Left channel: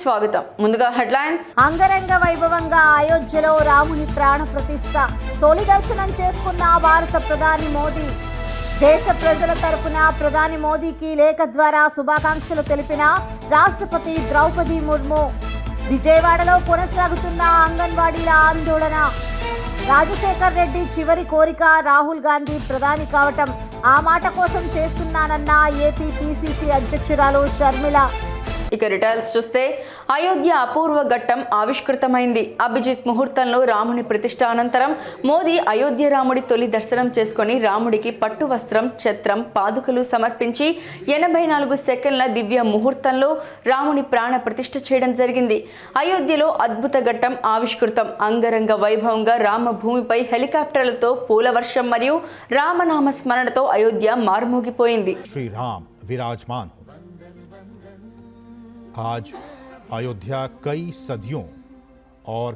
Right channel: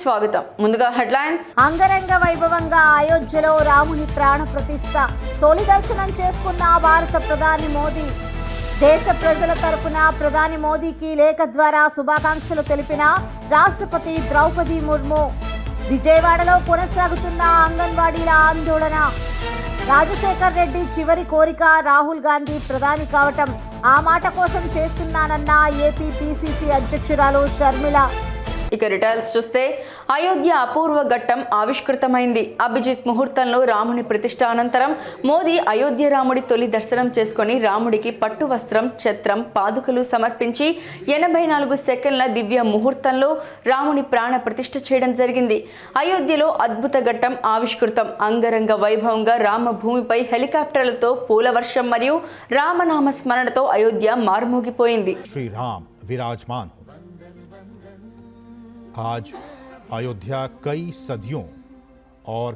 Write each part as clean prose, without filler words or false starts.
స్వాగతం. ముందుగా హెడ్లైన్స్. అంగరంగ వైభవంగా అయోధ్యలో రాముని ప్రాణ ప్రతిష్ఠ తొలి దర్శనం చేసుకున్న భారత ప్రధాని మోదీ. దేశ ప్రజల తరపున ప్రధాని మోదీకి లేఖ ద్వారా శుభాకాంక్షలు తెలిపిన రాష్ట్రపతి ద్రౌపది ముర్ము. విజయవాడలో కొనసాగుతున్న అంగన్వాడీల ఆందోళన. రాజశేఖర్ రెడ్డి చివరి కోరిక రాహుల్ గాంధీ ప్రధాని కావటం. ఆ మాట కోసం చేస్తున్నానన్న ఏపీ పీసీసీ అధ్యక్షురాలు షర్మిల. ఇక డీటెయిల్స్ చూస్తే అయోధ్య అపూర్వ ఘట్టం ఆవిష్కృతమైంది. అభిజిత్ ముహూర్తంలో రాముని ప్రతిష్ఠ అనంతరం మోదీ అయోధ్య రాముడి తొలి దర్శనం చేసుకుని రాముడికి పట్టు వస్త్రం, ఛత్రం, పాదుకలు సమర్పించి 84 సెకండ్ల దివ్య ముహూర్తంలో రాముని ప్రాణ ప్రతిష్ఠ చేయడం జరిగింది. అయోధ్యలో అద్భుత ఘట్టం ఆవిష్కృతం. అంగరంగ వైభవంగా రామభూమిపై హెలికాప్టర్లతో పూల వర్షం మరియు రామనామ స్మరణతో అయోధ్య మారుమోగిపోయింది. శ్రీరామ్ विराजमान हो। आज अयोध्या कई सदियों और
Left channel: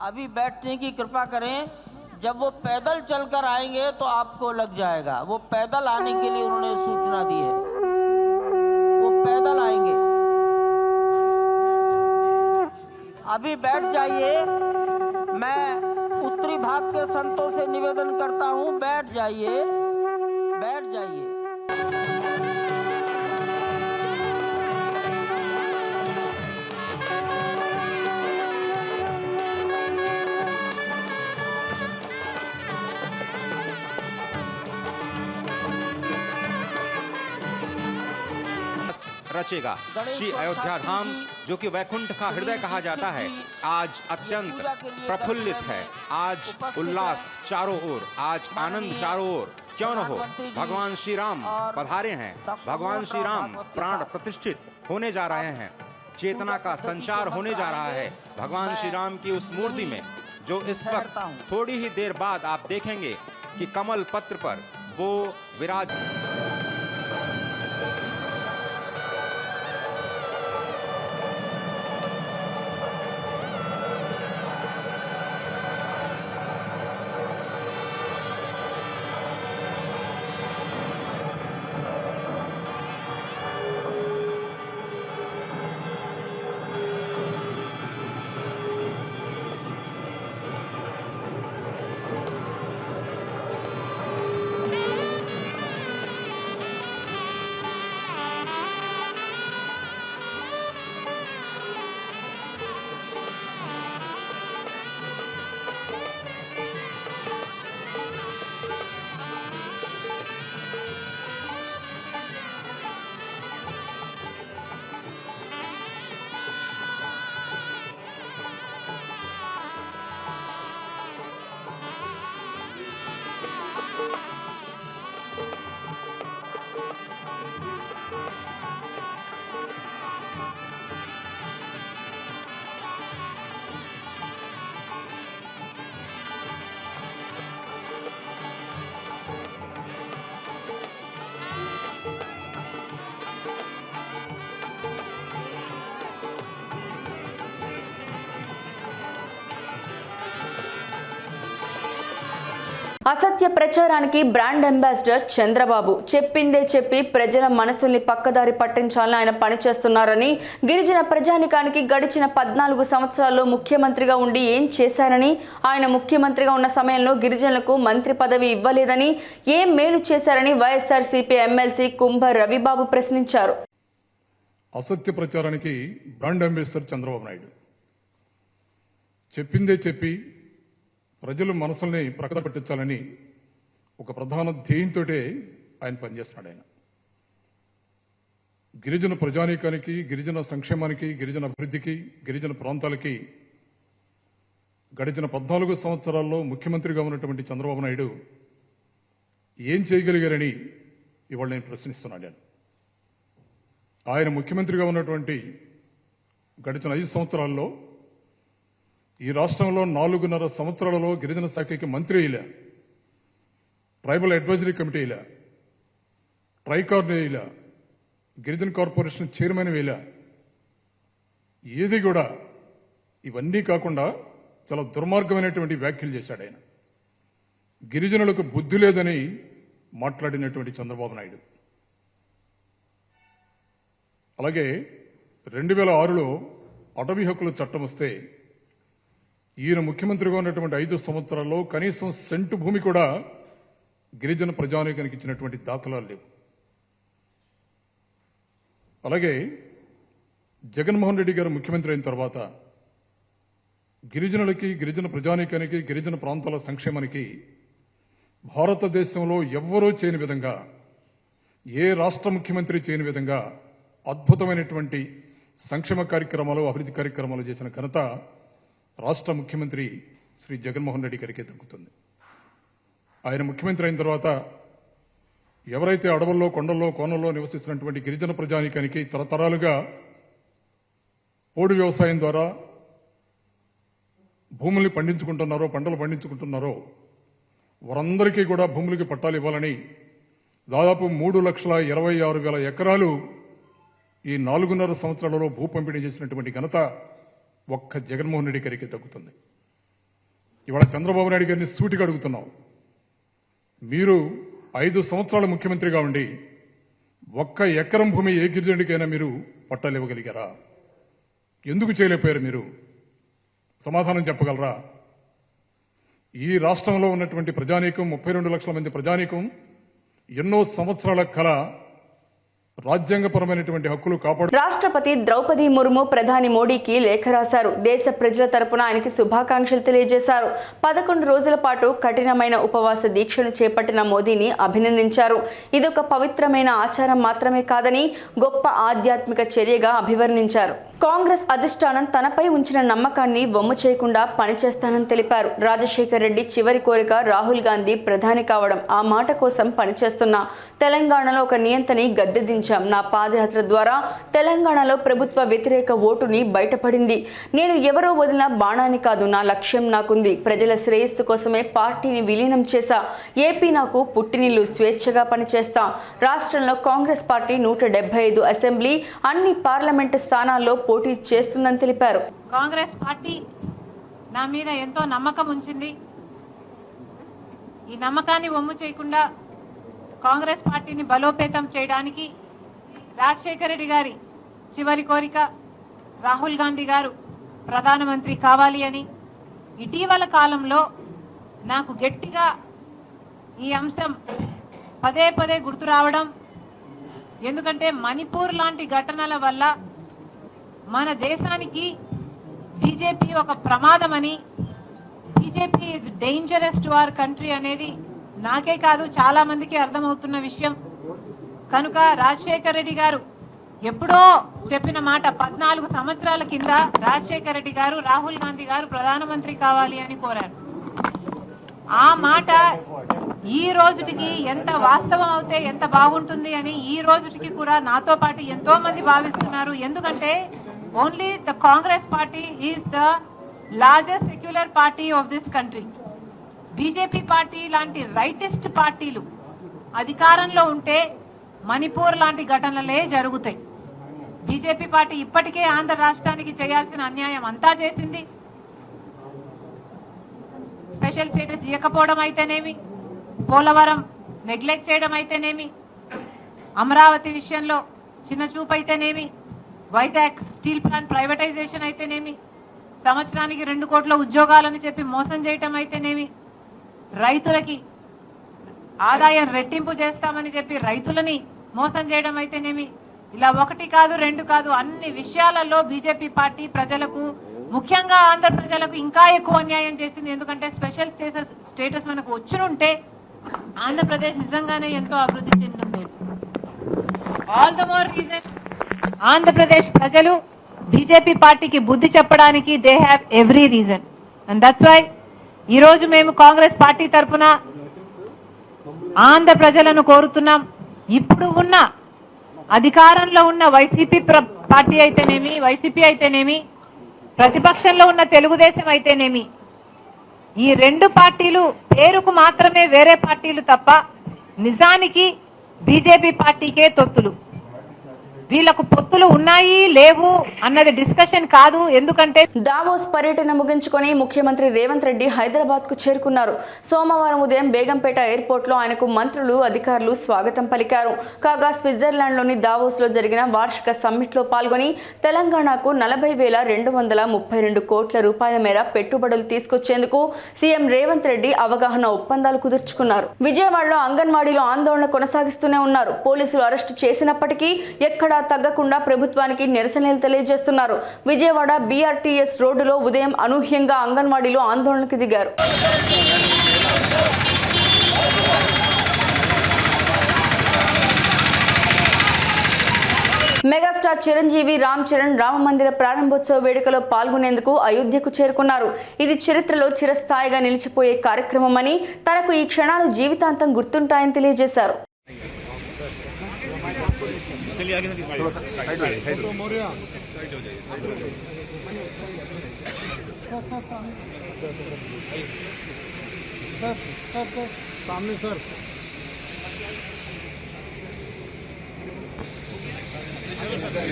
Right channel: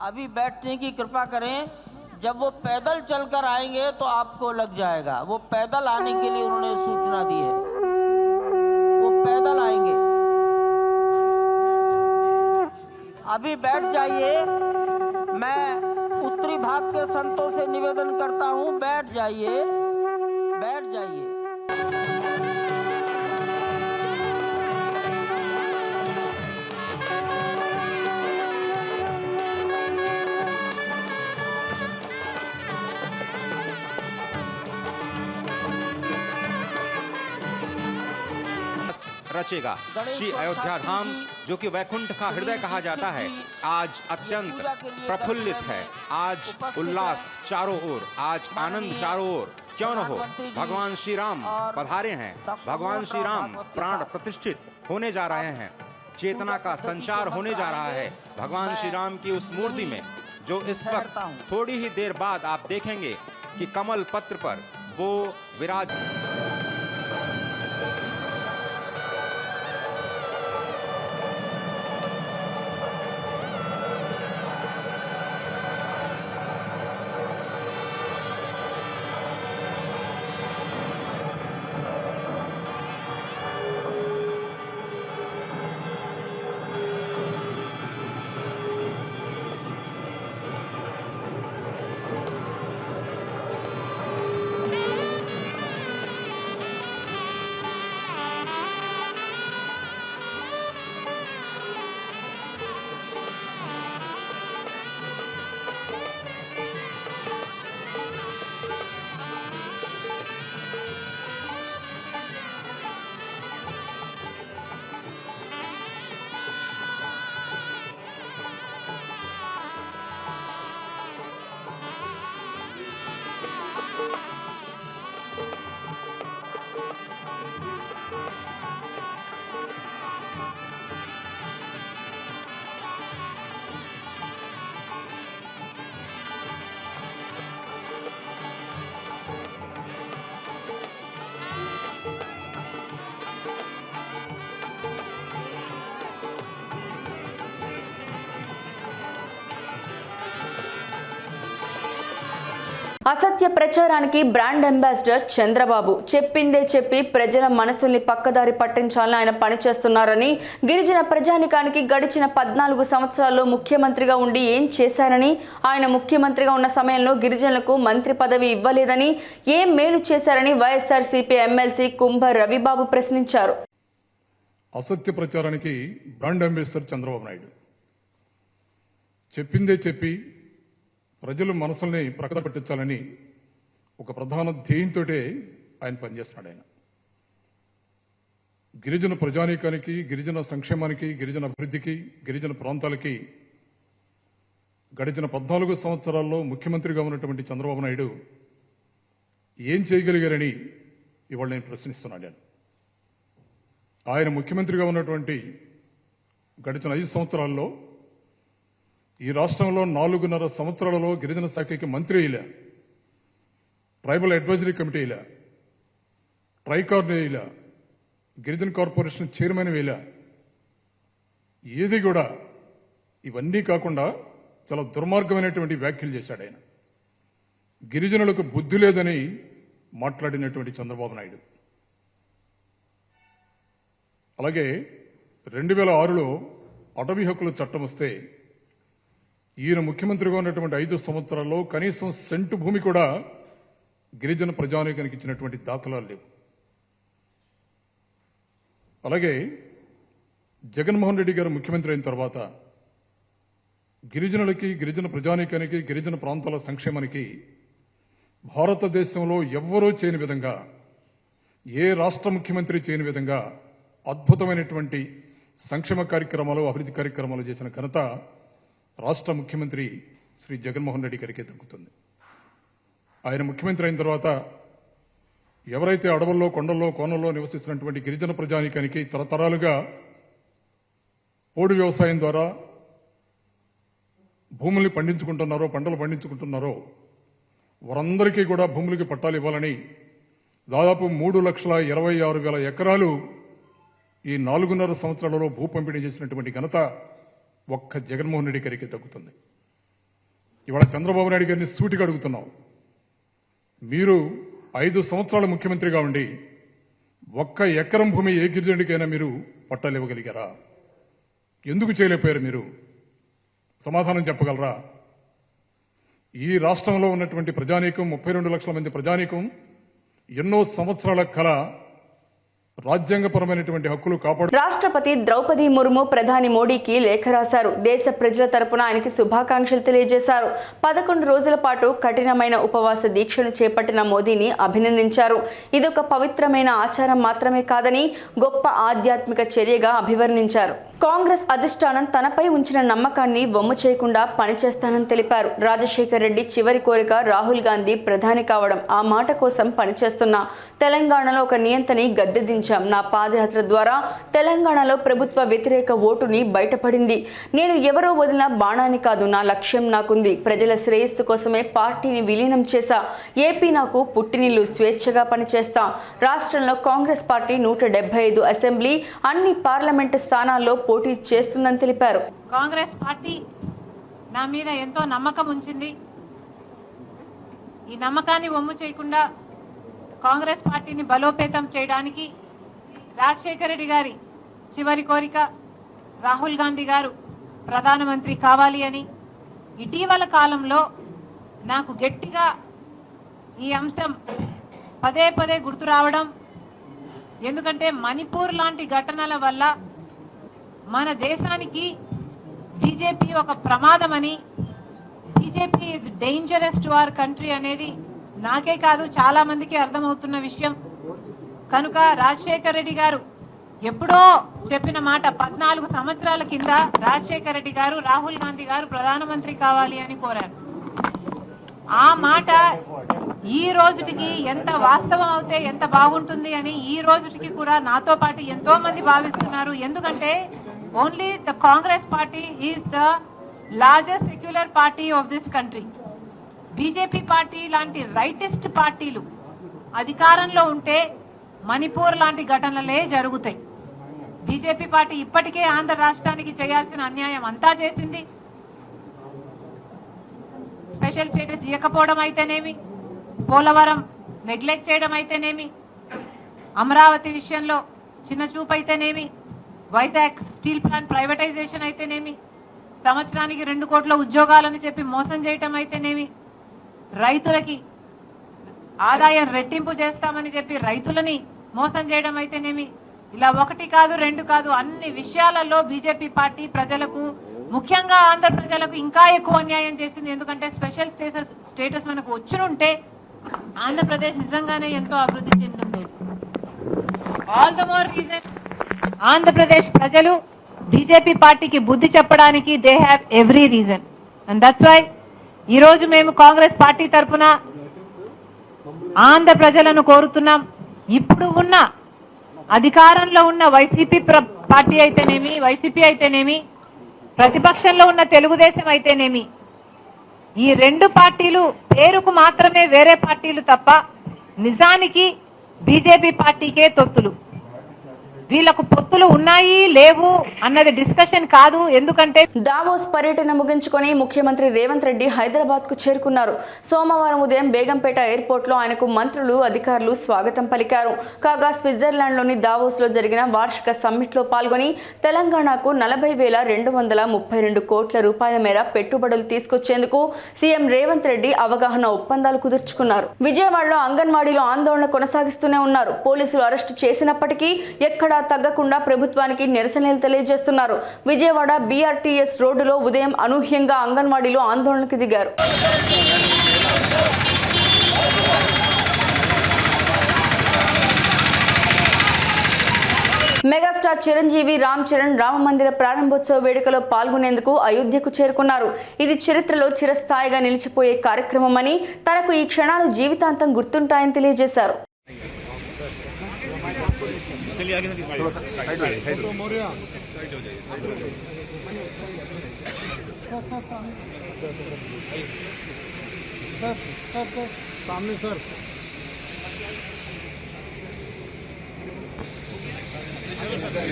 अभी बैठने की कृपा करें। जब वो पैदल चलकर आएंगे तो आपको लग जाएगा। वो पैदल आने के लिए उन्होंने सूचना दी है, वो पैदल आएंगे। अभी बैठ जाइए। मैं उत्तरी भाग के संतों से निवेदन करता हूं, बैठ जाइए, बैठ जाइए। रचेगा। श्री अयोध्या धाम जो कि वैकुंठ का हृदय कहा जाता है, आज अत्यंत प्रफुल्लित है। आज उल्लास चारों ओर, आज आनंद चारों ओर। क्यों न हो, भगवान श्री राम पधारे हैं। भगवान श्री राम प्राण प्रतिष्ठित होने जा रहे हैं। चेतना का संचार होने जा रहा है भगवान श्री राम की उस मूर्ति में, जो इस वक्त थोड़ी ही देर बाद आप देखेंगे कि कमल पत्र पर वो विराज। అసత్య ప్రచారానికి బ్రాండ్ అంబాసిడర్ చంద్రబాబు. చెప్పిందే చెప్పి ప్రజల మనసుల్ని పక్కదారి పట్టించాలని ఆయన పనిచేస్తున్నారని, గిరిజన ప్రజానికానికి గడిచిన 14 సంవత్సరాల్లో ముఖ్యమంత్రిగా ఉండి ఏం చేశారని, ఆయన ముఖ్యమంత్రిగా ఉన్న సమయంలో గిరిజనులకు మంత్రి పదవి ఇవ్వలేదని, ఏం మేలు చేశారని వైఎస్ఆర్సీపీ ఎమ్మెల్సీ కుంభ రవిబాబు ప్రశ్నించారు. అసత్య ప్రచారానికి బ్రాండ్ అంబాసిడర్ చంద్రబాబు నాయుడు. చెప్పిందే చెప్పి ప్రజల మనసుల్ని ప్రక్కన పెట్టించాలని ఒక ప్రధాన ధ్యేయంతో ఆయన పనిచేస్తున్నాడు. ఆయన గిరిజన ప్రజానీకానికి, గిరిజన సంక్షేమానికి, గిరిజన అభివృద్ధికి, గిరిజన ప్రాంతాలకి గడిచిన 14 సంవత్సరాల్లో ముఖ్యమంత్రిగా ఉన్నటువంటి చంద్రబాబు నాయుడు ఏం చేయగలిగారని ఇవాళ నేను ప్రశ్నిస్తున్నాను. ఆయన ముఖ్యమంత్రిగా ఉన్నటువంటి గడిచిన 5 సంవత్సరాల్లో ఈ రాష్ట్రంలో 4.5 సంవత్సరాలలో గిరిజన శాఖకి మంత్రి ఇలా, ట్రైబల్ అడ్వైజరీ కమిటీ ఇలా, ట్రైకార్న్ ఇలా, గిరిజన కార్పొరేషన్ చైర్మన్ ఇలా, ఏది కూడా ఇవన్నీ కాకుండా చాలా దుర్మార్గమైనటువంటి వ్యాఖ్యలు చేశాడు ఆయన. గిరిజనులకు బుద్ధి లేదని మాట్లాడినటువంటి చంద్రబాబు నాయుడు అలాగే 2006లో అటవీ హక్కుల చట్టం వస్తే ఈయన ముఖ్యమంత్రిగా ఉన్నటువంటి 5 సంవత్సరాల్లో కనీసం సెంటు భూమి కూడా గిరిజన ప్రజానీకానికి ఇచ్చినటువంటి దాఖలాలు లేవు. అలాగే జగన్మోహన్ రెడ్డి గారు ముఖ్యమంత్రి అయిన తర్వాత గిరిజనులకి, గిరిజన ప్రజానీకానికి, గిరిజన ప్రాంతాల సంక్షేమానికి భారతదేశంలో ఎవ్వరూ చేయని విధంగా, ఏ రాష్ట్ర ముఖ్యమంత్రి చేయని విధంగా అద్భుతమైనటువంటి సంక్షేమ కార్యక్రమాలు, అభివృద్ధి కార్యక్రమాలు చేసిన ఘనత రాష్ట్ర ముఖ్యమంత్రి శ్రీ జగన్మోహన్ రెడ్డి గారికి దక్కుతుంది. ఆయన ముఖ్యమంత్రి అయిన తర్వాత ఎవరైతే అడవుల్లో, కొండల్లో, కోనల్లో నివసిస్తున్నటువంటి గిరిజన ప్రజానీకానికి తరతరాలుగా పోడు వ్యవసాయం ద్వారా భూముల్ని పండించుకుంటున్నారో, పంటలు పండించుకుంటున్నారో వారందరికీ కూడా భూములకి పట్టాలు ఇవ్వాలని దాదాపు 3,26,000 ఎకరాలు ఈ 4.5 సంవత్సరాలలో భూ పంపిణీ చేసినటువంటి ఘనత ఒక్క జగన్మోహన్ రెడ్డి గారికి దక్కుతుంది. ఇవాళ చంద్రబాబు నాయుడు గారిని సూటిగా అడుగుతున్నాం, మీరు 5 సంవత్సరాల ముఖ్యమంత్రిగా ఉండి ఒక్క ఎకరం భూమి ఏ గిరిజనుడికైనా మీరు పట్టాలు ఇవ్వగలిగారా? ఎందుకు చేయలేకపోయారు? మీరు సమాధానం చెప్పగలరా? ఈ రాష్ట్రంలో ఉన్నటువంటి ప్రజానీకం, 32 లక్షల మంది ప్రజానీకం ఎన్నో సంవత్సరాల కళ రాజ్యాంగపరమైనటువంటి హక్కులు కాపాడు. రాష్ట్రపతి ద్రౌపది ముర్ము ప్రధాని మోడీకి లేఖ రాశారు. దేశ ప్రజల తరపున ఆయనకి శుభాకాంక్షలు తెలియజేశారు. 11 రోజుల పాటు కఠినమైన ఉపవాస దీక్షను చేపట్టిన మోదీని అభినందించారు. ఇదొక పవిత్రమైన ఆచారం మాత్రమే కాదని గొప్ప ఆధ్యాత్మిక చర్యగా అభివర్ణించారు. కాంగ్రెస్ అధిష్టానం తనపై ఉంచిన నమ్మకాన్ని వమ్ము చేయకుండా పనిచేస్తానని తెలిపారు. రాజశేఖర్ రెడ్డి చివరి కోరిక రాహుల్ గాంధీ ప్రధాని కావడం. ఆ మాట కోసం పనిచేస్తున్నా. తెలంగాణలో ఒక నియంతని గద్దెదించాం. నా పాదయాత్ర ద్వారా తెలంగాణలో ప్రభుత్వ వ్యతిరేక ఓటుని బయటపడింది. నేను ఎవరో వదిలిన బాణాన్ని కాదు, నా లక్ష్యం నాకుంది. ప్రజల శ్రేయస్సు కోసమే పార్టీని విలీనం చేశా. ఏపీ నాకు పుట్టినిల్లు, స్వేచ్ఛగా పనిచేస్తా. రాష్ట్రంలో కాంగ్రెస్ పార్టీ 175 అసెంబ్లీ, అన్ని పార్లమెంటు స్థానాల్లో పోటీ చేస్తుందని తెలిపారు. కాంగ్రెస్ పార్టీ నా మీద ఎంతో నమ్మకం ఉంచింది. ఈ నమ్మకాన్ని వమ్ము చేయకుండా కాంగ్రెస్ పార్టీని బలోపేతం చేయడానికి రాజశేఖర రెడ్డి గారి చివరి కోరిక రాహుల్ గాంధీ గారు ప్రధానమంత్రి కావాలి అని ఇటీవల కాలంలో నాకు గట్టిగా ఈ అంశం పదే పదే గుర్తు రావడం, ఎందుకంటే మణిపూర్ లాంటి ఘటనల వల్ల మన దేశానికి బీజేపీ ఒక ప్రమాదమని, BJP is dangerous to our country అనేది నాకే కాదు చాలా మందికి అర్థమవుతున్న విషయం. కనుక రాజశేఖర రెడ్డి గారు ఎప్పుడో చెప్పిన మాట 14 సంవత్సరాల కింద రాజశేఖర రెడ్డి గారు రాహుల్ గాంధీ గారు ప్రధానమంత్రి కావాలి అని కోరారు. ఆ మాట ఈ రోజుకి ఎంత వాస్తవం అవుతే ఎంత బాగుంటుంది అని ఈ రోజుకి కూడా నాతో పాటు ఎంతో మంది భావిస్తున్నారు. ఎందుకంటే only the Congress party is the largest secular party of this country. BJP party లాంటి రైటిస్ట్ పార్టీలు అధికారంలో ఉంటే మణిపూర్ లాంటి ఘటనలే జరుగుతాయి. బీజేపీ పార్టీ ఇప్పటికే ఆంధ్ర రాష్ట్రానికి చేయాల్సిన అన్యాయం అంతా చేసింది. స్పెషల్ స్టేటస్ ఇవ్వకపోవడం అయితేనేమి, పోలవరం నెగ్లెక్ట్ చేయడం అయితేనేమి, అమరావతి విషయంలో చిన్న చూపు అయితేనేమి, వైజాగ్ స్టీల్ ప్లాంట్ ప్రైవేటైజేషన్ అయితేనేమి, సంవత్సరానికి 2 కోట్ల ఉద్యోగాలని చెప్పి మోసం చేయటం అయితేనేమి, రైతులకి ఆదాయం రెట్టింపు చేస్తామని చెప్పి రైతులని మోసం చేయడం అయితేనేమి, ఇలా 1 కాదు 2 కాదు అన్ని విషయాలలో బీజేపీ పార్టీ ప్రజలకు, ముఖ్యంగా ఆంధ్ర ప్రజలకు ఇంకా ఎక్కువ అన్యాయం చేసింది. ఎందుకంటే స్పెషల్ స్టేటస్ మనకు వచ్చునుంటే ఆంధ్రప్రదేశ్ నిజంగానే ఎంతో అభివృద్ధి చెందుతుంది. All the more reason Andhra Pradesh ప్రజలు బీజేపీ పార్టీకి బుద్ధి చెప్పడానికి they have every reason. And that's why ఈ రోజు మేము కాంగ్రెస్ పార్టీ తరఫున ఆంధ్ర ప్రజలను కోరుతున్నాం. ఇప్పుడు ఉన్న అధికారంలో ఉన్న వైసీపీ పార్టీ అయితేనేమి, వైసీపీ అయితేనేమి, ప్రతిపక్షంలో ఉన్న తెలుగుదేశం అయితేనేమి, ఈ 2 పార్టీలు పేరుకు మాత్రమే వేరే పార్టీలు తప్ప నిజానికి బీజేపీ పార్టీకే తొత్తులు. వీళ్ళకు పొత్తులు ఉన్నాయి లేవు అన్నది డిస్కషన్ కాదు. ఎందుకంటే దావోస్ పర్యటన ముగించుకొని ముఖ్యమంత్రి రేవంత్ రెడ్డి హైదరాబాద్ కు చేరుకున్నారు. సోమవారం ఉదయం బేగంపేట ఎయిర్పోర్ట్ లో ఆయనకు మంత్రులు, అధికారులు స్వాగతం పలికారు. కాగా స్విట్జర్లాండ్ లోని దావోస్ లో జరిగిన వార్షిక సమ్మిట్ లో పాల్గొని తెలంగాణకు 40,232 కోట్ల రూపాయల మేర పెట్టుబడులు తీసుకొచ్చేందుకు సీఎం రేవంత్ రెడ్డి అవగాహన ఒప్పందాలు కుదుర్చుకున్నారు. విజయవాడలో అంగన్వాడీలో ఆందోళన కొనసాగిస్తూనే ఉన్నారు. పోలీసులు అరెస్టు చేసినప్పటికీ ఎక్కడా తగ్గకుండా ప్రభుత్వానికి నిరసనలు తెలియజేస్తున్నారు. విజయవాడ BRTS రోడ్డులో ఉదయం అనూహ్యంగా అంగన్వాడీలో ఆందోళనకు దిగారు. మెగాస్టార్ చిరంజీవి రామ్ చరణ్ రామ మందిర ప్రారంభోత్సవ వేడుకలో పాల్గొనేందుకు అయోధ్యకు చేరుకున్నారు. ఇది చరిత్రలో చిరస్థాయిగా నిలిచిపోయే కార్యక్రమమని, తనకు ఈ క్షణాలు జీవితాంతం గుర్తుంటాయని తెలియజేశారు.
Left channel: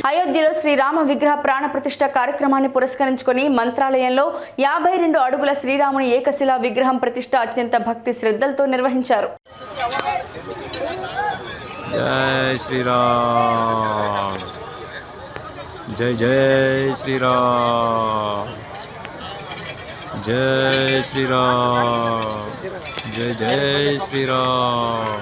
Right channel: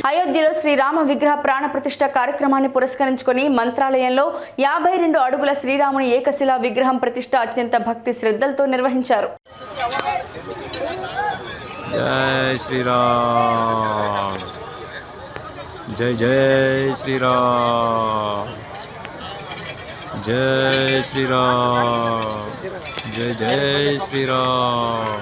అయోధ్యలో శ్రీరామ విగ్రహ ప్రాణ ప్రతిష్ఠ కార్యక్రమాన్ని పురస్కరించుకొని మంత్రాలయంలో 52 అడుగుల శ్రీరాముని ఏకశిలా విగ్రహం ప్రతిష్ఠ అత్యంత భక్తి శ్రద్ధలతో నిర్వహించారు. जय श्री राम, जय जय श्री राम, जय श्री राम, जय जय श्री राम,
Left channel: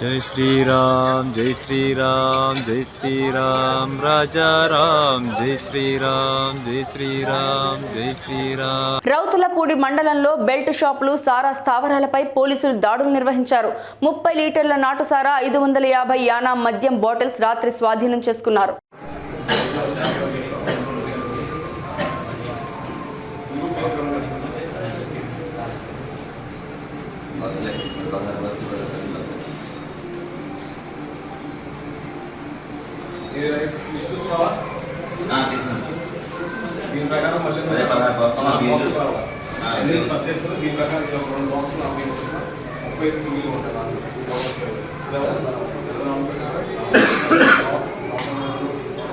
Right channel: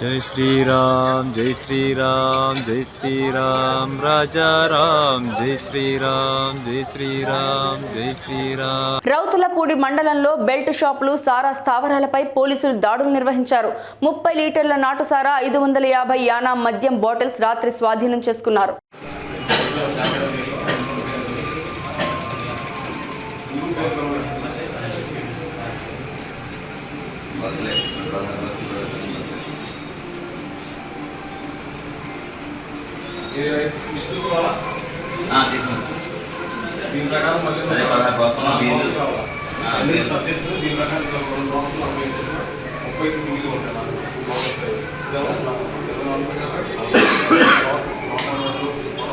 जय श्री राम, जय श्री राम, जय श्री राम, राजा राम, जय श्री राम, जय श्री राम, जय श्री राम. రౌతులపూడి మండలంలో బెల్ట్ షాపులు, సారా స్థావరాలపై పోలీసులు దాడులు నిర్వహించారు. 30 లీటర్ల నాటు సారా, 550 యానా మద్యం బాటిల్స్ రాత్రి స్వాధీనం చేసుకున్నారు.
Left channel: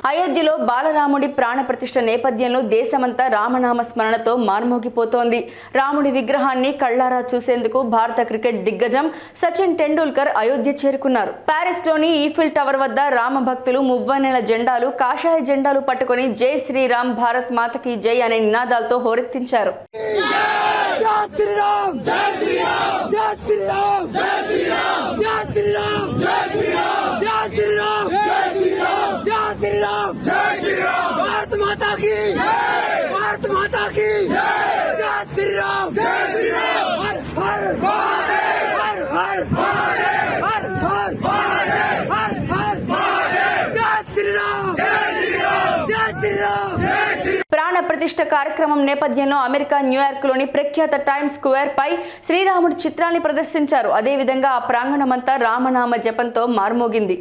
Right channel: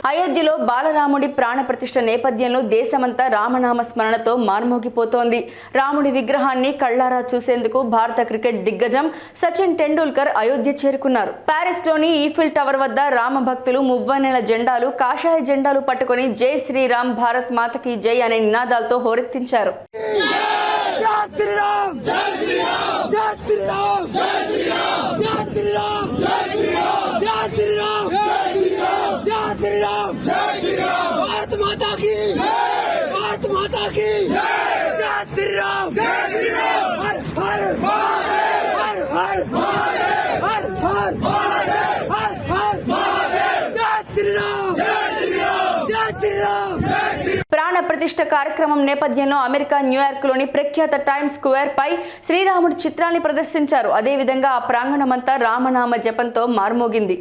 అయోధ్యలో బాలరాముడి ప్రాణ ప్రతిష్ఠ నేపథ్యంలో దేశమంతా రామనామ స్మరణతో మార్మోగిపోతోంది. రాముడి విగ్రహాన్ని కళ్లారా చూసేందుకు భారత క్రికెట్ దిగ్గజం సచిన్ టెండూల్కర్ అయోధ్య చేరుకున్నారు. ప్యారిస్ లోని ఈఫిల్ టవర్ వద్ద రామ భక్తులు మువ్వన్నెల జెండాలు, కాషాయ జెండాలు పట్టుకుని జై శ్రీరామ్, భారత్ మాతకి జై అనే నినాదాలతో హోరెత్తించారు. भारत माता की, भारत माता की जय श्री राम, जय श्री राम, हर हर महादेव, हर हर महादेव, हर हर महादेव, हर हर महादेव, जय श्री राम, जय श्री राम, जय श्री राम, जय श्री. ప్రాణ ప్రతిష్ఠ కార్యక్రమం నేపథ్యంలో అమెరికా న్యూయార్క్ లోని ప్రఖ్యాత టైమ్స్ స్క్వేర్ పై శ్రీరాముడి చిత్రాన్ని ప్రదర్శించారు. అదేవిధంగా ఆ ప్రాంగణమంతా రామనామ జపంతో మార్మోగింది.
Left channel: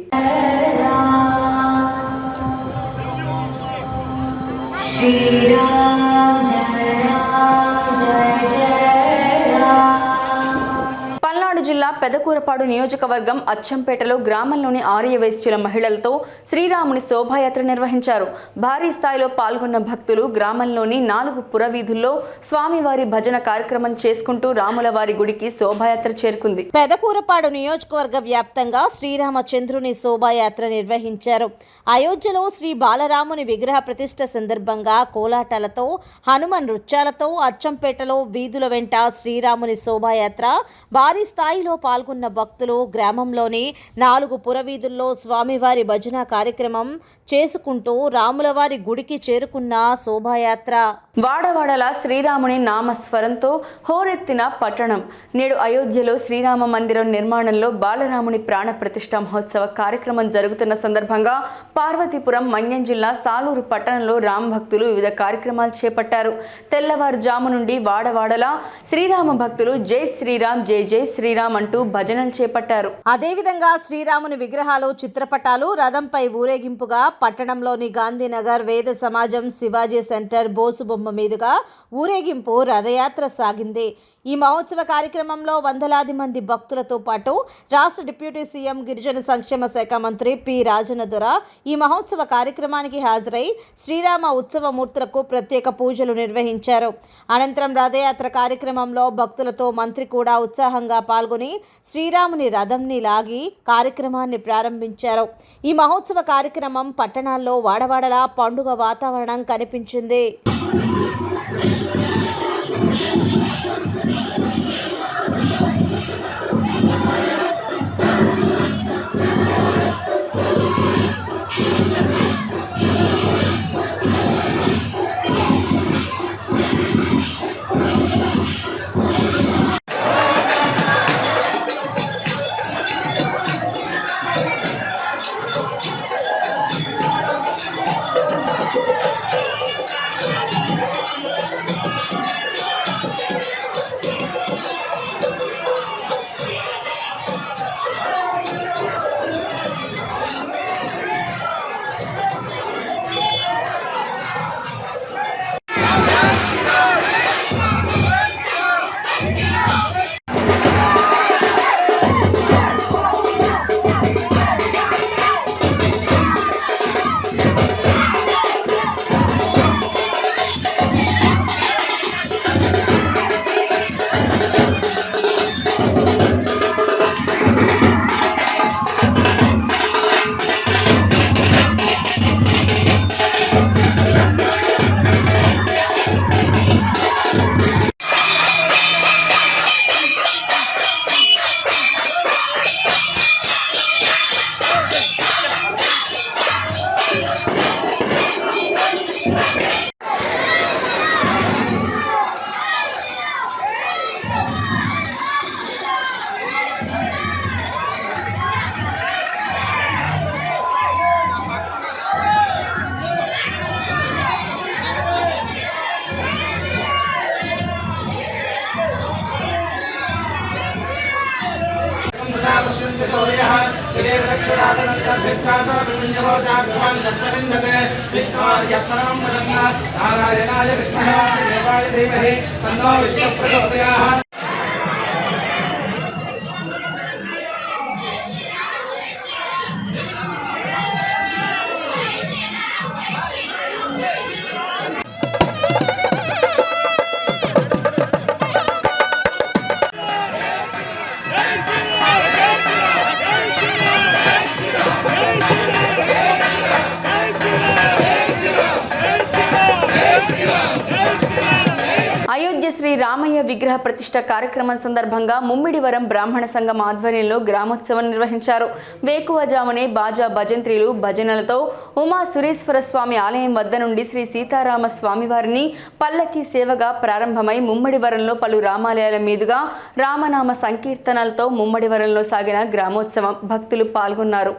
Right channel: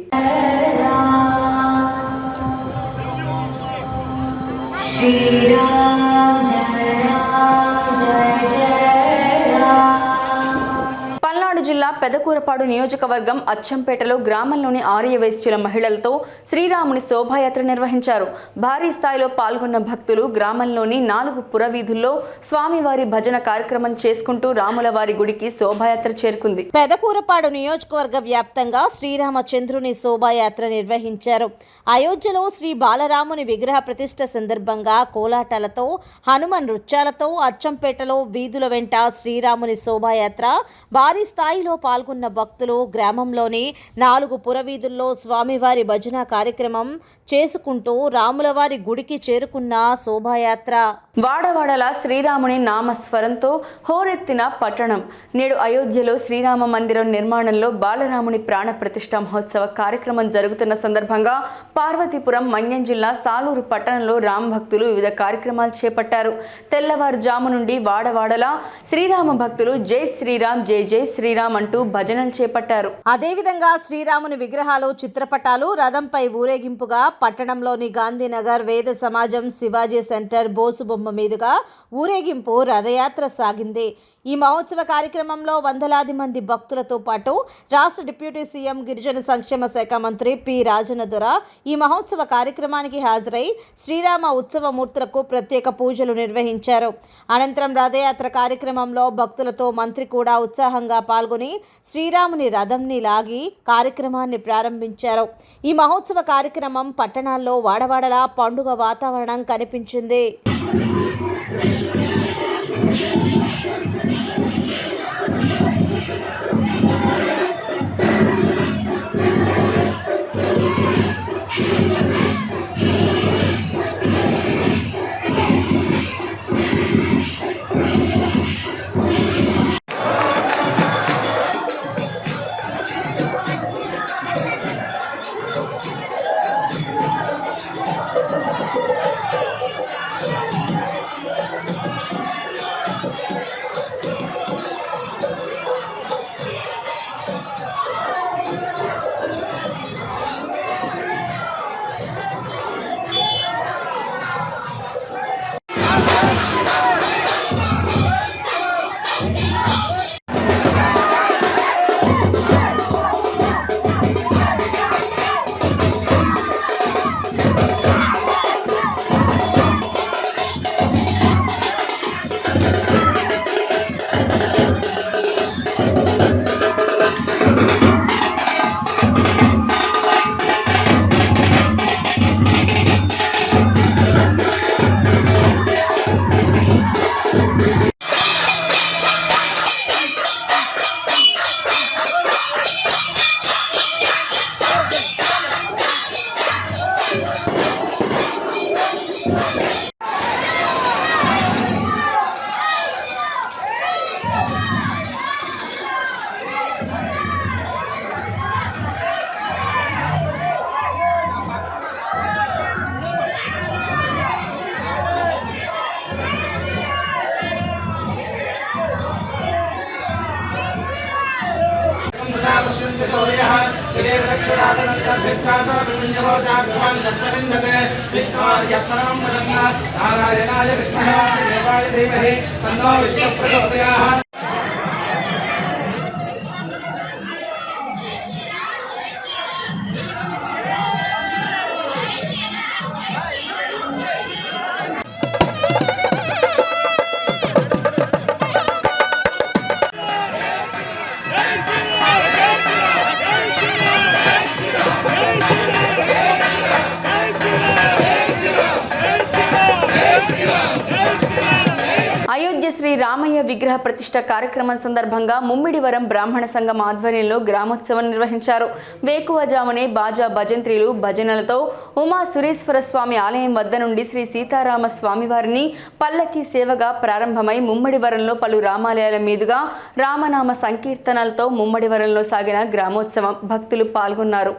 పల్నాడు జిల్లా పెదకూరపాడు నియోజకవర్గం అచ్చంపేటలో గ్రామంలోని ఆర్యవైశ్యుల మహిళలతో శ్రీరాముని శోభాయాత్ర నిర్వహించారు. భారీ స్థాయిలో పాల్గొన్న భక్తులు గ్రామంలోని 4 పురవీధుల్లో స్వామివారి భజన కార్యక్రమం చేసుకుంటూ రాములవారి గుడికి శోభాయాత్ర చేరుకుంది. పెదకూరపాడు నియోజకవర్గ వ్యాప్తంగా శ్రీరామచంద్రుని శోభాయాత్ర నిర్వహించారు. అయోధ్యలో శ్రీ బాలరాముని విగ్రహ ప్రతిష్ఠ సందర్భంగా కోలాటాలతో, హనుమ నృత్యాలతో అచ్చంపేటలో వీధుల వెంట శ్రీరాముని శోభాయాత్ర భారీ స్థాయిలో పాల్గొన్న భక్తులు గ్రామంలోని 4 పురవీధుల్లో స్వామివారి భజన కార్యక్రమం చేసుకుంటూ రాములవారి గుడికి చేరుకున్న శోభాయాత్ర. వాడవాడల శ్రీరాముని నామస్వరంతో హోరెత్తిన పట్టణం. నేడు అయోధ్యలో శ్రీరామ మందిరం నిర్మాణంలో బాలరాముని ప్రాణ ప్రతిష్ఠ మహోత్సవ కార్యక్రమం జరుగుతున్న సందర్భంగా పార్వతీపురం, మన్యం జిల్లా సాలూరు పట్టణంలో రామ భక్తులు వివిధ కార్యక్రమాలు చేపట్టారు. తెల్లవారుజాము నుండి వాడవాడల శ్రీరామ భక్తులు జై శ్రీరామ్, జై జై శ్రీరామ్ అంటూ అంటూ భజనలు చేపట్టారు. అదేవిధంగా శ్రీరాముని విగ్రహాలు, చిత్రపటాలు రథంపై ఊరేగింపుగా పట్టణంలోని గాంధీనగర్ వేద సమాజం శివాజీ సెంటర్ బోసుబొమ్మ మీదుగా ఊరేగింపు రథయాత్ర సాగింది. ఈ మహోత్సవ కార్యక్రమంలో వందలాది మంది భక్తులతో పాటు రాష్ట్ర డిప్యూటీ సీఎం గిరిజన సంక్షేమ శాఖ మంత్రి పి రాజనదొర ఈ మహోత్సవ కార్యక్రమానికి హాజరై శ్రీరామ ఉత్సవమూర్తులకు ప్రత్యేక పూజలు నిర్వహించారు. అనంతరం రథయాత్ర కార్యక్రమంలో భక్తులతో మంత్రి కూడా ఉత్సాహంగా పాల్గొని శ్రీరాముని రథంని లాగి కార్యక్రమాన్ని ప్రారంభించారు. ఈ మహోత్సవ కార్యక్రమం పట్టణాల్లో వాడవాడలా పండుగ వాతావరణం కనిపించింది. नारायणाय विद्महे श्रीदेवाय धीमहि तन्नो विष्णुः प्रचोदयात्। అయోధ్య శ్రీ రామయ్య విగ్రహ ప్రతిష్ట కార్యక్రమం సందర్భంగా ముమ్మిడివరం బ్రాహ్మణ సంఘం ఆధ్వర్యంలో గ్రామోత్సవం నిర్వహించారు. వేకువజామునే బాజా భజంత్రీలు భజనలతో ఉమా సురేశ్వర స్వామి ఆలయం వద్ద నుండి శ్రీ సీతారామ స్వామి వారిని పల్లకి సేవగా ప్రారంభమై ముమ్మడివరంలో పలు రామాలయాల మీదుగా రామనామ సంకీర్తనలతో ముమ్మడివరంలో సాగిన గ్రామోత్సవం భక్తులు పాల్గొన్నారు.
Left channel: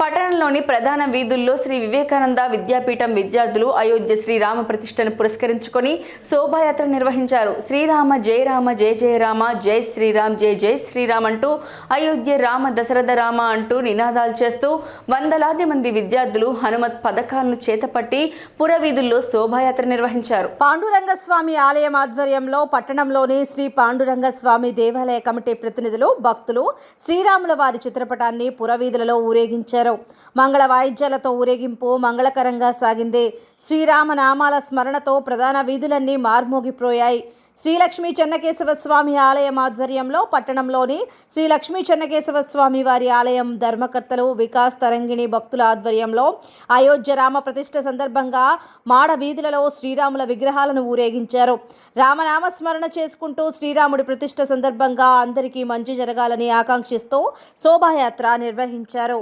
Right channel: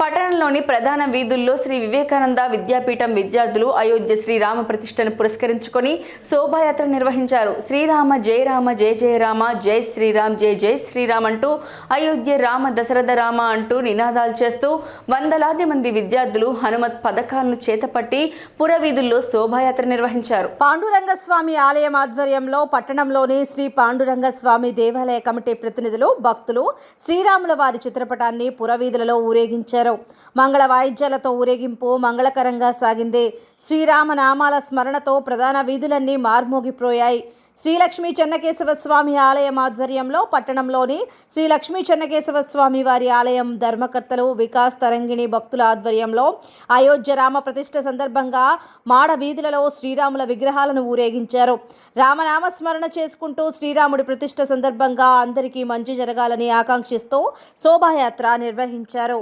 పట్టణంలోని ప్రధాన వీధుల్లో శ్రీ వివేకానంద విద్యాపీఠం విద్యార్థులు అయోధ్య శ్రీరామ ప్రతిష్టను పురస్కరించుకొని శోభాయాత్ర నిర్వహించారు. శ్రీరామ జయ రామ జయ జయ రామ జై శ్రీరామ్ జయ జై శ్రీరామ్ అంటూ అయోధ్య రామ దశరథ రామ అంటూ నినాదాలు చేస్తూ వందలాది మంది విద్యార్థులు హనుమత్ పథకాలను చేతపట్టి పురవీధుల్లో శోభాయాత్ర నిర్వహించారు. పాండురంగస్వామి ఆలయం ఆధ్వర్యంలో పట్టణంలోని శ్రీ పాండురంగస్వామి దేవాలయ కమిటీ ప్రతినిధులు భక్తులు శ్రీరాముల వారి చిత్రపటాన్ని పురవీధులలో ఊరేగించారు. మంగళ వాయిద్యాలతో ఊరేగింపు మంగళకరంగా సాగింది. శ్రీరామ నామాల స్మరణతో ప్రధాన వీధులన్నీ మార్మోగిపోయాయి. శ్రీ లక్ష్మీ చెన్నకేశవ స్వామి ఆలయం ఆధ్వర్యంలో పట్టణంలోని శ్రీ లక్ష్మీ చెన్నకేశవ స్వామి వారి ఆలయం ధర్మకర్తలు వికాస్ తరంగిణి భక్తుల ఆధ్వర్యంలో అయోధ్య రామ ప్రతిష్ఠ సందర్భంగా మాడ వీధులలో శ్రీరాముల విగ్రహాలను ఊరేగించారు. రామనామ స్మరణ చేసుకుంటూ శ్రీరాముడి ప్రతిష్ఠ సందర్భంగా అందరికీ మంచి జరగాలని ఆకాంక్షిస్తూ శోభాయాత్ర నిర్వహించారు.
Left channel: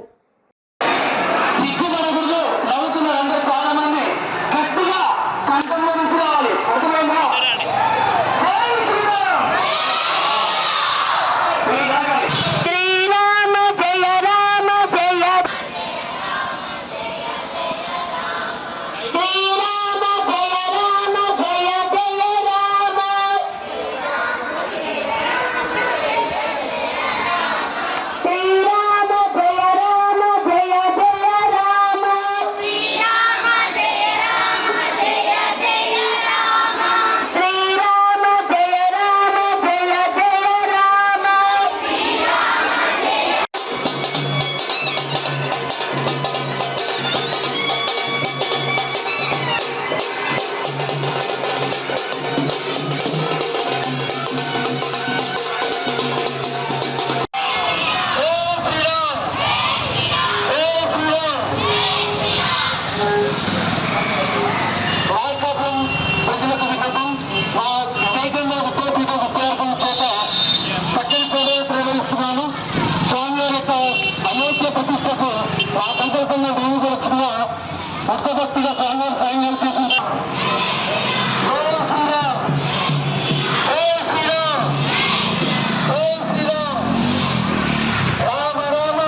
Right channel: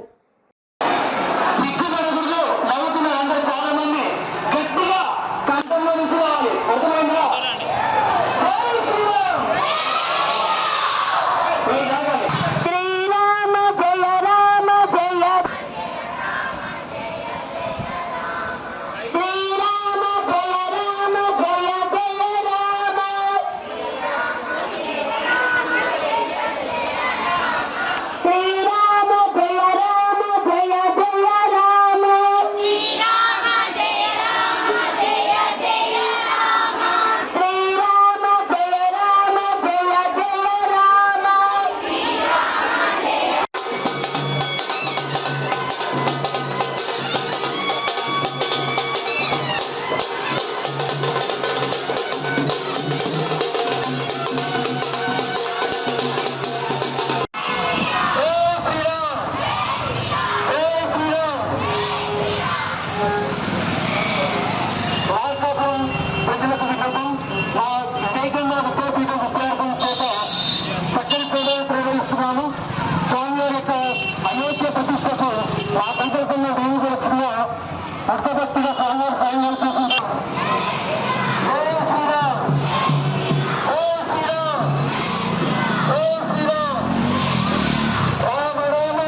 అయోధ్య ప్రతిష్టకు ఆ సంకల్పంగా మేము కూడా చిన్న భక్తభక్తిగా స్వామివారి సాయం చేస్తున్నాం. జై శ్రీరామ్ జై శ్రీరామ్ జై శ్రీరామ్ రామ రామ.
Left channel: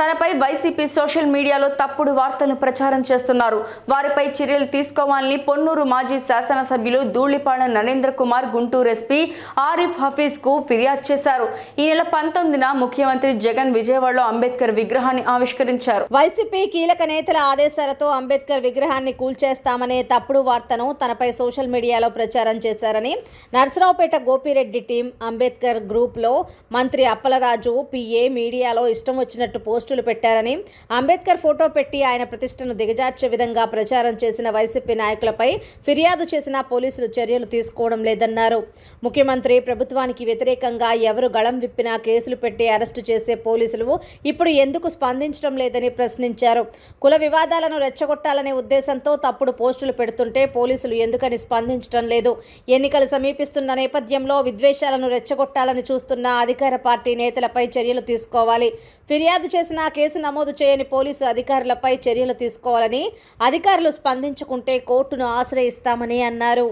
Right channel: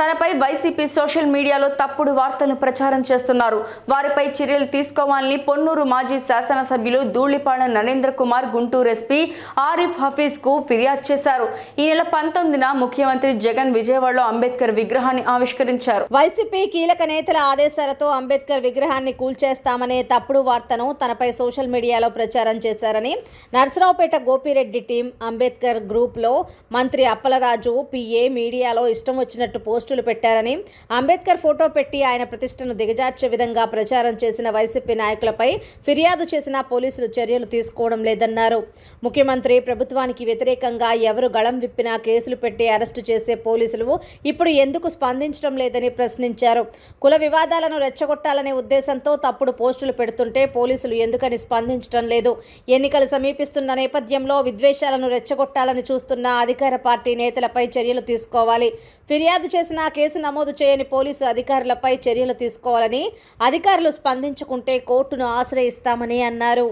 తనపై వైసీపీ సోషల్ మీడియాలో తప్పుడు వార్తలను ప్రచారం చేస్తున్నారు. వారిపై చర్యలు తీసుకోవాలని పొన్నూరు మాజీ శాసనసభ్యులు ధూళిపాడ నరేంద్ర కుమార్ గుంటూరు ఎస్పీ ఆరిఫ్ హఫీజ్ కు ఫిర్యాదు చేశారు. ఈ నెల 19న ముఖ్యమంత్రి జగన్ విజయవాడలో అంబేద్కర్ విగ్రహాన్ని ఆవిష్కరించారు. వైసీపీ కీలక నేతల ఆదేశాలతో అంబేద్కర్ విగ్రహాన్ని కూల్చేస్తామనే తప్పుడు వార్తను తనపై సోషల్ మీడియాలో ప్రచారం చేశారని నర్సరావుపేట గోపిరెడ్డి టీం అంబేద్కర్ గ్రూప్లో మంత్రి అప్పలరాజు పిఏ మీడియాలో ఇష్టం వచ్చినట్టు పోస్టులు పెట్టారని, అంబేద్కర్ ఫోటో పెట్టి ఆయన ప్రతిష్టను దిగజార్చే విధంగా ప్రచారం చేసిన వైసీపీ నాయకులపై ఫిర్యాదు చేసినా పోలీసులు చర్యలు తీసుకోవడం లేదన్నారు. ముఖ్యమంత్రి ప్రభుత్వానికి వ్యతిరేకంగా ఎవరు గళం విప్పినా కేసులు పెట్టి అరెస్టు చేసే పోలీసులు ఇప్పుడు ఎందుకు స్పందించడం లేదని ప్రశ్నించారు. కుల వివాదాలను రెచ్చగొట్టాలనే ఉద్దేశంతో తప్పుడు పోస్టులు పెడుతుంటే పోలీసులు ఎందుకని స్పందించడం లేదు? ఎన్నికలు సమీపిస్తున్న నేపథ్యంలో విద్వేషాలను రెచ్చగొట్టాలని చూస్తున్న అధికార పార్టీ నేతలపై చర్యలు తీసుకోవాలి. ఫిర్యాదు చేసినా కేసు నమోదు చేయని పోలీసు అధికారులపై చర్యలు తీసుకోవాలని, అధికారులు స్పందించుకుంటే కోర్టును ఆశ్రయిస్తామని అన్నారు.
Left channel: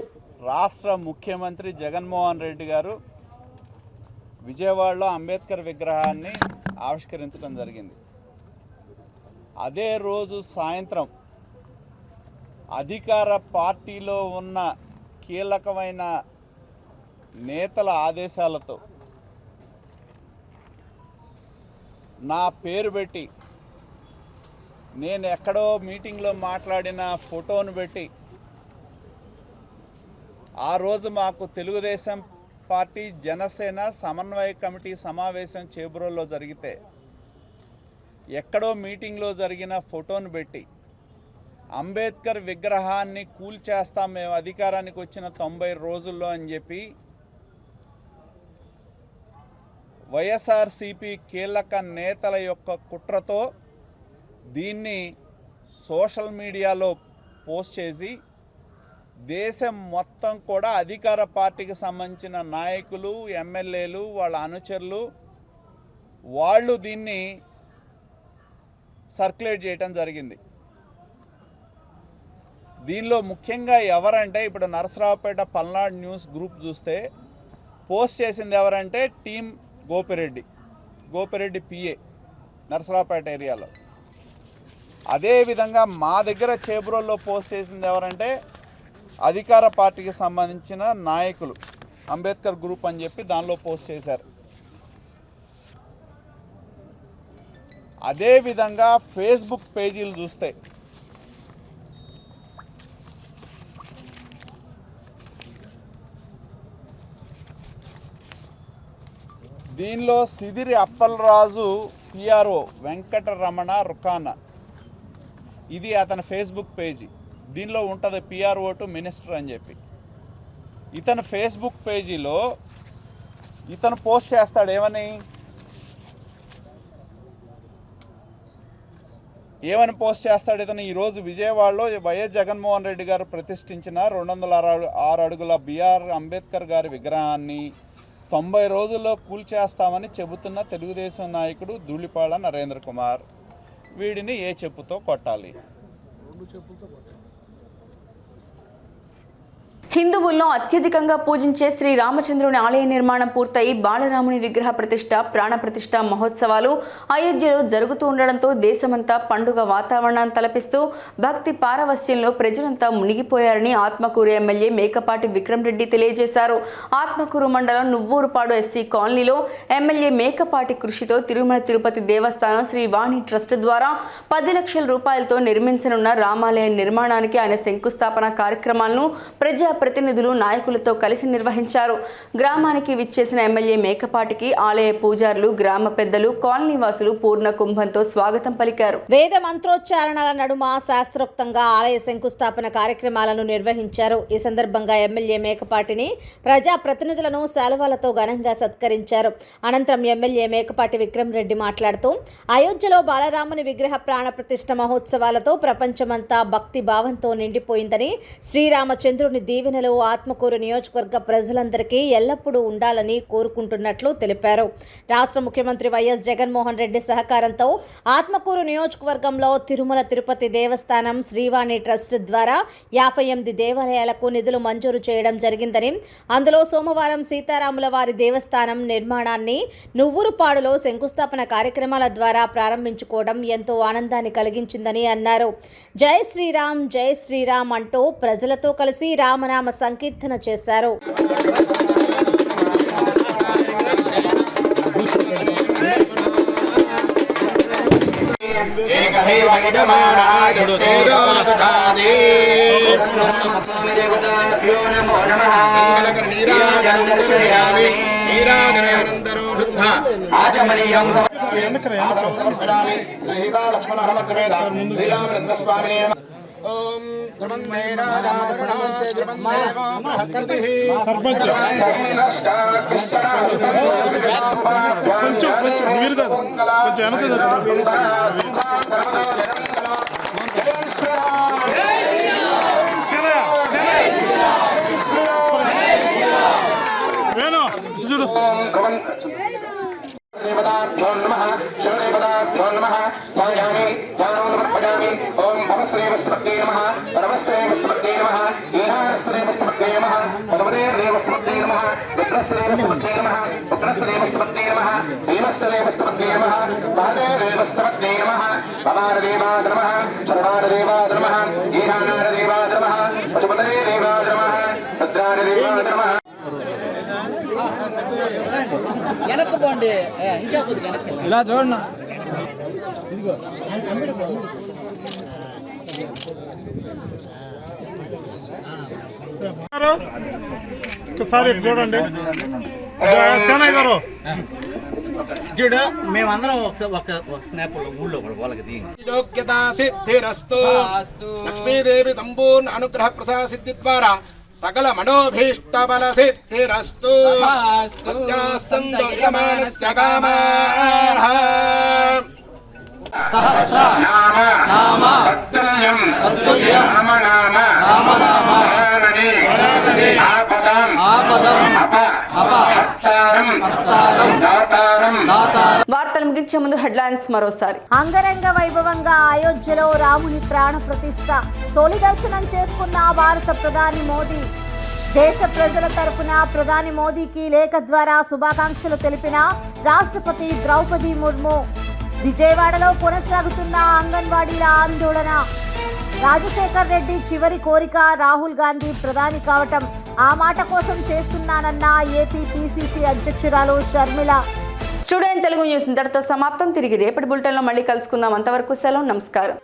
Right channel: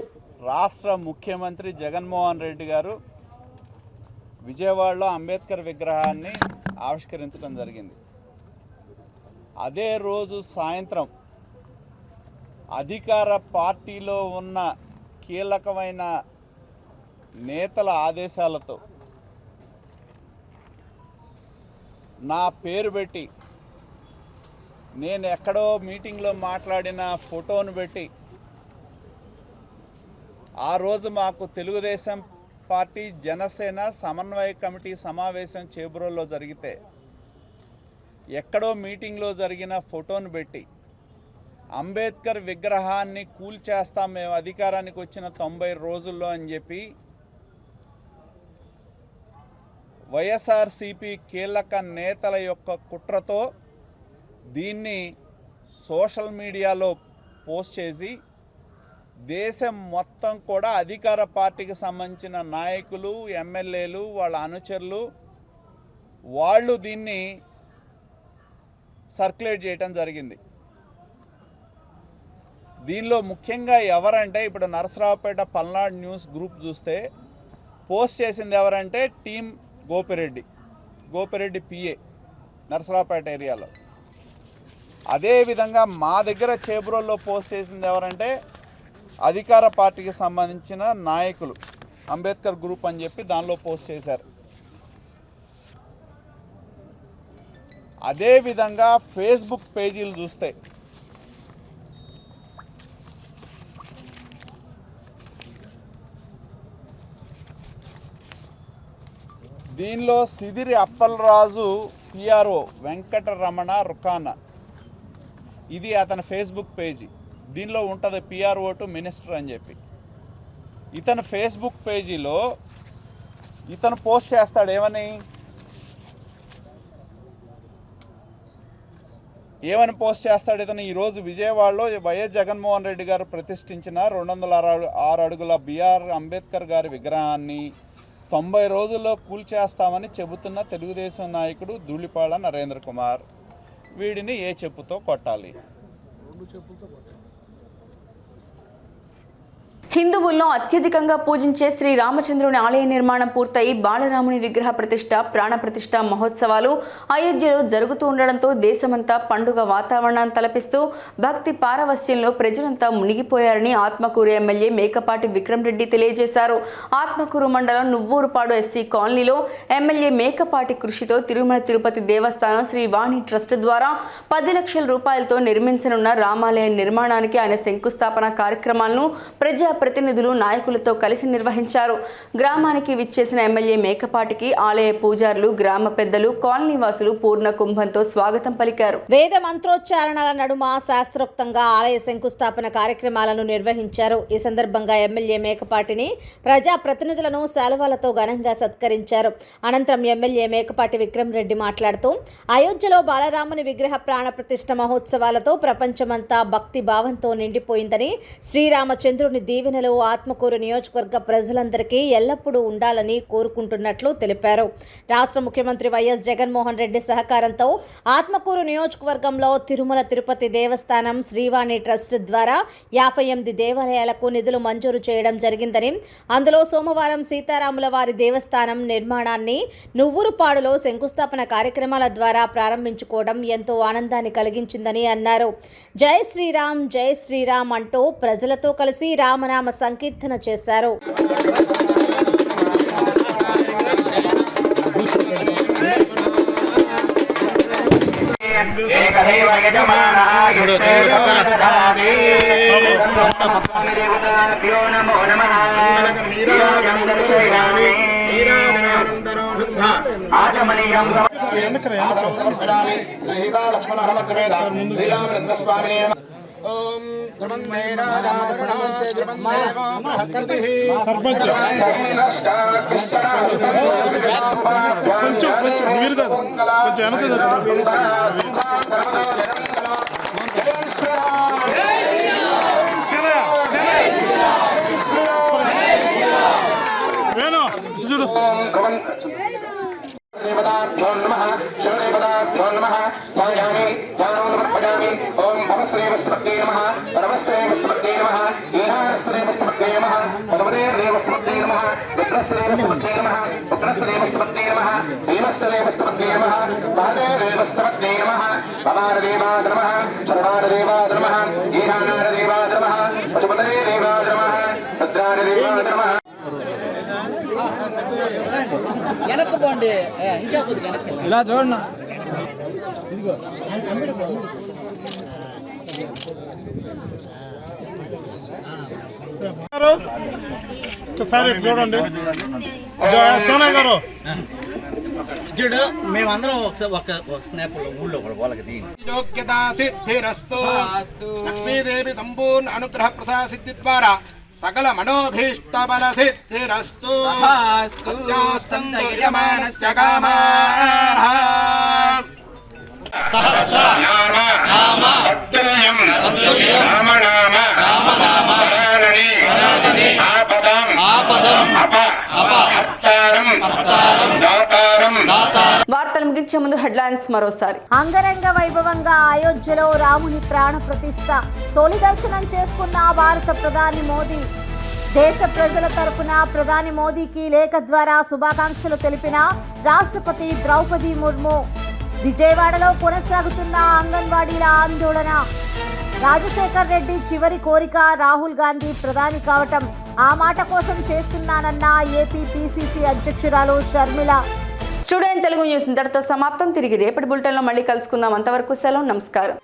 రాష్ట్ర ముఖ్యమంత్రి జగన్మోహన్ రెడ్డి గారు విజయవాడలో అంబేద్కర్ విగ్రహాన్ని ఆవిష్కరించడం జరిగింది. అదే రోజు సాయంత్రం అధికార పార్టీలో ఉన్న కీలకమైన నేతల ఆదేశాలతో నా పేరు పెట్టి, నేను ఎక్కడో మీటింగ్లో మాట్లాడిన ఫోటోను పెట్టి, ఆ రోజు మాకు తెలుగుదేశం పార్టీ జనసేన సమన్వయ కమిటీ సమావేశం చేబ్రోల్లో జరిగితే ఎక్కడో మీటింగ్లో జరిగిన ఫోటోను పెట్టి అంబేద్కర్ విగ్రహాన్ని కూల్చేస్తాం మేము అధికారానికి వచ్చిన 90 రోజుల్లో అని చెప్పి వైఎస్ఆర్సీపీ కీలక నేతల యొక్క కుట్రతో దీన్ని సోషల్ మీడియాలో పోస్ట్ చేసి దేశం మొత్తం కూడా అధికార పార్టీకి సంబంధించిన నాయకులు, ఎమ్మెల్యేలు, వాళ్ళ అనుచరులు వాళ్ళు దీన్ని సర్క్యులేట్ చేయడం జరిగింది. దీనిలో ముఖ్యంగా ఎవరంటే, ఇప్పుడు నరసరావుపేట పల్నాడు న్యూస్ గ్రూప్ చూస్తే పోస్ట్ చేసింది ఎవరంటే టీం గోపిరెడ్డి పిఏ నరసరావుపేట ఏరియాలో. అదేవిధంగా మా దగ్గర చేబ్రోల్లో పోస్ట్ చేసింది ఎవరంటే అధికార పార్టీకి సంబంధించిన నాయకులు, అంబేద్కర్ గ్రూప్ అని చెప్పి దానిలో పోస్ట్ చేశారు. అదేవిధంగా ఫేస్బుక్ పేజీలు చూస్తే దీనిలో సిదిరి అప్పలరాజు పిఆర్ఓ వెంకటరమణ రుకానా, ఇది అతని ఫేస్బుక్ పేజీ. దీనిలో ఉంటుంది పిఆర్ఓ టు మినిస్టర్ అని చెప్పి. ఇతను ఫేస్బుక్ పేజీలో ఇతను పోస్ట్ చేస్తాడు ఏమని పోస్ట్ చేస్తాడు ఇతను? ఈరోజు విజయవాడలో వైఎస్ జగన్మోహన్ రెడ్డి గారు ప్రతిష్ఠించిన 206 అడుగుల బిఆర్ అంబేద్కర్ గారి విగ్రహాన్ని 90 రోజుల్లో కూల్చేస్తామని చెబుతున్న తెలుగుదేశం నాయకుడు ధూళిపాళ నరేంద్ర కుమార్, వీడిని ఏ చెప్పుతో కొట్టాలి? హిందువుల్లో అత్యధికంగా పూజించే శ్రీ రామచంద్రుని ఆలయ నిర్మాణం పూర్తయి బాలరాముని విగ్రహ ప్రతిష్ట, ప్రాణ ప్రతిష్ట మహోత్సవాలు అయోధ్యలో జరుగుతూ ఉండడంతో దేశమంతా పండుగ వాతావరణాన్ని తలపిస్తూ భక్తి పారవస్యంలో ప్రజలంతా మునిగిపోయారని ఆత్మకూరు ఎమ్మెల్యే మేకపాటి విక్రమ్ రెడ్డి తెలియజేశారు. ఆత్మకూరు మండలం నువ్వూరుపాడు ఎస్సీ కాలనీలో ఎమ్మెల్యే మేకపాటి కృషితో తిరుమల తిరుపతి దేవస్థానం శ్రీ వాణి ట్రస్ట్ ద్వారా 10 లక్షల రూపాయలతో నిర్మించనున్న రామాలయ నిర్మాణానికి ఆయన శంకుస్థాపన కార్యక్రమాలను ప్రతినిధులు నాయకులతో కలిసి నిర్వహించారు. గ్రామానికి విచ్చేసిన ఎమ్మెల్యే మేకపాటికి ఆలయ పూజారులు, గ్రామ పెద్దలు, కాలనీ వాసులు పూర్ణ కుంభంతో స్వాగతం పలికారు. వేద మంత్రోచ్చారణల నడుమ శాస్త్రోక్తంగా ఆలయ శంకుస్థాపన కార్యక్రమాలను నిర్వహించారు. ఈ సందర్భంగా ఎమ్మెల్యే మేకపాటిని ప్రజా ప్రతినిధులను శాలువాలతో ఘనంగా సత్కరించారు. అనంతరం ఎమ్మెల్యే మేకపాటి విక్రమ్ రెడ్డి మాట్లాడుతూ అయోధ్యలో బాలరాముని విగ్రహ ప్రాణ ప్రతిష్ఠ మహోత్సవాలతో ప్రపంచమంతా భక్తి భావంతో నిండిపోయిందని, శ్రీరామచంద్రుని దీవెనలు ఆత్మకూరు నియోజకవర్గ ప్రజలందరికీ ఎల్లప్పుడూ ఉండాలని కోరుకుంటున్నట్లు తెలిపారు. రాష్ట్ర ముఖ్యమంత్రి వైఎస్ జగన్మోహన్ రెడ్డి సహకారంతో ఆత్మకూరు నియోజకవర్గంలో తిరుమల తిరుపతి దేవస్థానం శ్రీవాణి ట్రస్ట్ ద్వారా 58 దేవాలయాలకు నిధులు మంజూరు చేయడం జరిగిందని, అందులో సోమవారం సీతారాముల వారి దేవస్థానం నిర్మాణాన్ని నువ్వూరుపాడులో శంకుస్థాపన కార్యక్రమాల ద్వారా ప్రారంభించుకోవడం ఎంతో ఆనందాన్ని కలిగించిందని అన్నారు. జై శ్రీరామ్ అంటూ ప్రజలతో కలిసి రామనామ సంకీర్తన చేశారు. ఆచమనీయం ఓం ధ్రువందే రాజా బృహస్పతిః దేవతాభ్యో నమః శివదేవతాభ్యో నమః ధ్యాయామి ధ్యానం సమర్పయామి ఓం భవస్దేవస్తమత్తే నమః పరమస్దేవస్తమత్తే నమః ఈహారస్దేవస్తమత్తే నమః పరమదేవస్తమత్తే నమః విగ్రహస్దేవస్తమత్తే నమః ఉగ్రస్దేవస్తమత్తే నమః భీమస్దేవస్తమత్తే నమః మహదేవస్తమత్తే నమః పవారదేవాయ నమః సర్వారదేవాయ నమః ఈహానారదేవాయ నమః పశుపతేదేవాయ నమః భద్రారదేవాయ నమః వెనక్కి పోండి ఇంకా కొద్దిగా వెనక్కి ఇలా చూడండి చూడండి చూడు మేమందరం ఒక స్నాప్ ఊళ్ళో వాళ్ళకి దీని యోగ్యతా సిద్ధిరస్తు లక్ష్మీదేవి సంపూర్ణ అనుగ్రహ ప్రసాద సిద్ధి ద్వారా సకల మనోభీష్ట బల సిద్ధిరస్తు సంతో యమానస్య కామాః నామ తత్తుల్యం రామనామ వరానని ఆపదం అపహర్తారం దాతారం. వార్తలు ముగించే ముందు హెడ్లైన్స్ మరోసారి. అంగరంగ వైభవంగా అయోధ్యలో రాముని ప్రాణ ప్రతిష్ఠ తొలి దర్శనం చేసుకున్న భారత ప్రధాని మోదీ. దేశ ప్రజల తరపున ప్రధాని మోదీకి లేఖ ద్వారా శుభాకాంక్షలు తెలిపిన రాష్ట్రపతి ద్రౌపది ముర్ము. విజయవాడలో కొనసాగుతున్న అంగన్వాడీల ఆందోళన. రాజశేఖర్ రెడ్డి చివరి కోరిక రాహుల్ గాంధీ ప్రధాని కావటం. ఆ మాట కోసం చేస్తున్నానన్న ఏపీ పిసిసి అధ్యక్షురాలు షర్మిల. స్టూడియో తెలుగు న్యూస్ ఇంతటితో సమాప్తం. తిరిగి రేపటి బులెటిన్లో మళ్ళీ కలుసుకుందాం. అంతవరకు సెలవు. నమస్కారం.